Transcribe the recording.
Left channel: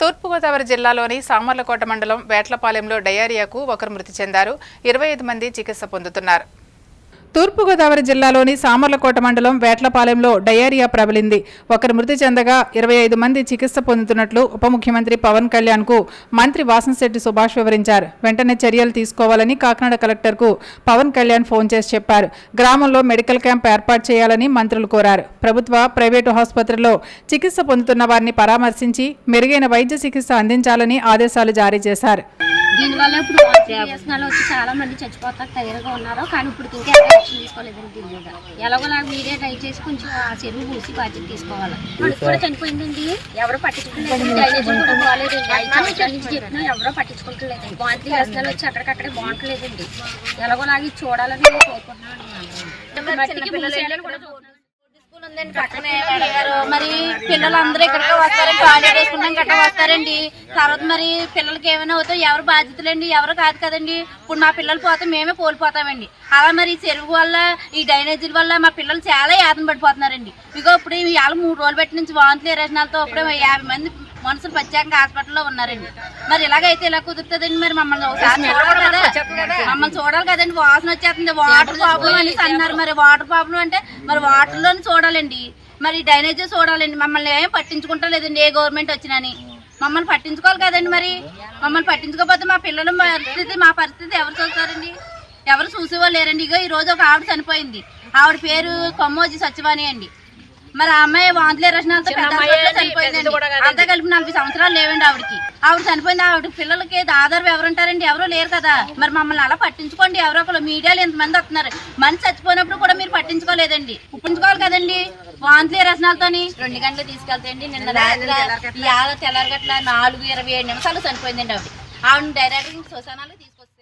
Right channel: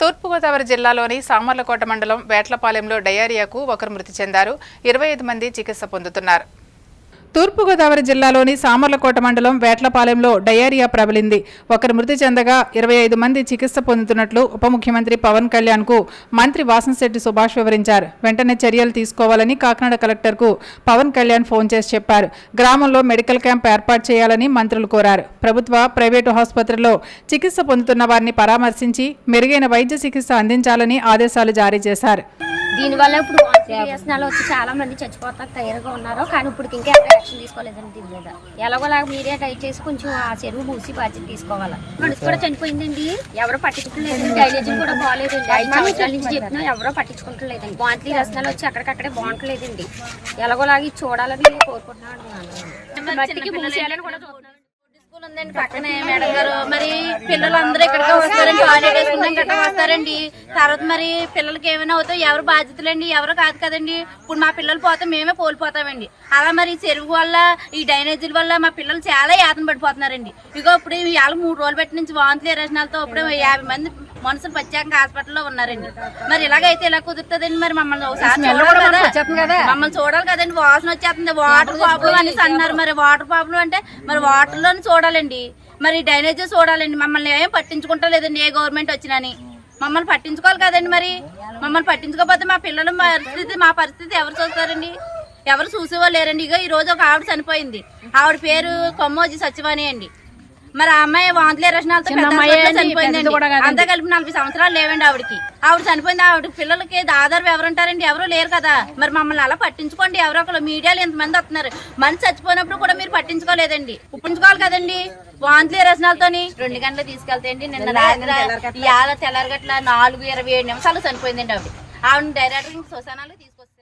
తూర్పుగోదావరి జిల్లాలోని సామర్లకోట మండలం వేట్లపాలెంలో డయేరియాకు ఒకరు మృతి చెందారు. 25 మంది చికిత్స పొందుతున్నారు. తూర్పుగోదావరి జిల్లాలోని సామర్లకోట మండలం వేట్లపాలెంలో డయేరియా ప్రబలింది. ఒకరు మృతి చెందగా 25 మంది చికిత్స పొందుతున్నట్లు ఉప ముఖ్యమంత్రి పవన్ కళ్యాణ్కు మంత్రి వాసంశెట్టి సుభాష్ వివరించారు. వెంటనే చర్యలు తీసుకోవాలని కాకినాడ కలెక్టర్కు పవన్ కళ్యాణ్ ఫోన్ చేసి చెప్పారు. గ్రామంలో మెడికల్ క్యాంప్ ఏర్పాటు చేయాలని మంత్రులు కోరారు. ప్రభుత్వ, ప్రైవేటు ఆసుపత్రుల్లో చికిత్స పొందుతున్న వారిని పరామర్శించి మెరుగైన వైద్య చికిత్స అందించాలని ఆదేశాలు జారీ చేశారు. దీనివల్ల ఇప్పుడు వ్యసనాలు వచ్చి చాలా మంది చచ్చిపోతారు తయారుగా ఉన్నారు. కానీ ఇప్పుడు ఇంకా యాక్షన్ తీసుకోలేదండి. దీని మీద ఎలాగోలాగా మీరే దయచేసి కొంచెం ఆ చెరువు మూసి బాధ్యత తీసుకోవాలి. మనసు కూడా చనిపోయిందండి, ఎవరు పట్టించుకోలేదండి. డైనేజన్ కూడా బాగాలేదండి. 5 సంవత్సరాల నుంచి చెప్తున్నా ఎవరో పట్టించుకోవట్లేదండి. బాంట్లీ వ్యసనాలు వచ్చి అక్కడికక్కడే బాగుంటలేదండి. ఎలాగోలాగా ఇది చూడాలని కోరుకుంటున్నాను. మట్టికి మూసేయాలని కూడా చూస్తున్నాను. ఉందండి పక్కనే మేడం గారు. మరి పిల్లలందరూ ఇక్కడికే వస్తారండి, టాయిలెట్ వేసుకున్నాం గట్రా వస్తారండి. తర్వాత మరి పిల్లలకి ఏమైనా అవుతాయి, ఎవరు బాధ్యతలండి, ఎవరు కాదు కదండి. ఇప్పుడు మా పిల్లలు పోతే మేమే కోల్పోతామండి. అలా మరి చెరువు వల్ల, ఈ డ్రైనేజీల వల్ల మా పిల్లలు చాలా యాతన పడిపోతున్నారండి. ఇగో ఇప్పుడు ఇవాళ 3 రోజులు పెట్టి నుంచి వాంతులు రచనాలతో ఇప్పుడు 50 మంది మనుషులు ప్రత్యేకంగా హాస్పిటల్లో ఉన్నారండి. మరి ఇలాగైతే ఇలా కుదురుతుందండి. మరి మమ్మల్ని ఒకసారి చూడాలి కదా, మమ్మల్ని చూడాలి కదండి. వాసన వచ్చేస్తుంది, వాటర్ ప్రాబ్లం అనేసి అన్నారు. మరి వాటర్ ప్రాబ్లం అంటే మరి వాటర్లోనే చూడాలండి, మరి డ్రైనేజీ చూడాలండి. మమ్మల్ని ఏం పట్టించుకుంటలేదండి. ఏ గవర్నమెంట్ వచ్చినని మమ్మల్ని పట్టించుకోవాలి కదండి. మరి మమ్మల్ని పట్టించుకోకపోతే మా పిల్లల పరిస్థితి, మా పరిస్థితి ఎవరు చూస్తారండి? ఎవరు చూసేవాళ్ళు లేరండి. ఇక ఈ రోజు ఒక ఆవిడ చనిపోయింది. ఆవిడ పేరు కొమ్మోజీ సచివాణి అండి. మరి ఆ అమ్మాయి వాంతులే రచనాలతో పెద్ద చనిపోయిందండి. అంతా కలిపి 40 సంవత్సరాలు లేవండి ఆవిడకి. ఆవిడ చనిపోయింది. ఆవిడ పిల్లలకి ఆధారం ఎవరుంటారండి? ఎవరు లేరు కదా. మరి మమ్మల్ని అలా పట్టించుకోండి. ఎవరో ఒకరు మీడియాలో ఎంతమంది వస్తున్నారు. మంది చచ్చిపోయినప్పుడు కూడా మీరు పట్టించుకోలేదండి. ఉప్పించుకోవాలి కదండి. వాంతులే రచనాలతోని 2 గంటలు తీసుకెళ్తాయండి. నిన్న రాత్రి తెల్లారగట్ల 4:27 నిమిషాలు చనిపోయిందండి ఆవిడ. ఆవిడ డైరెక్టర్ శ్మశానాలు తీసుకొస్తారు.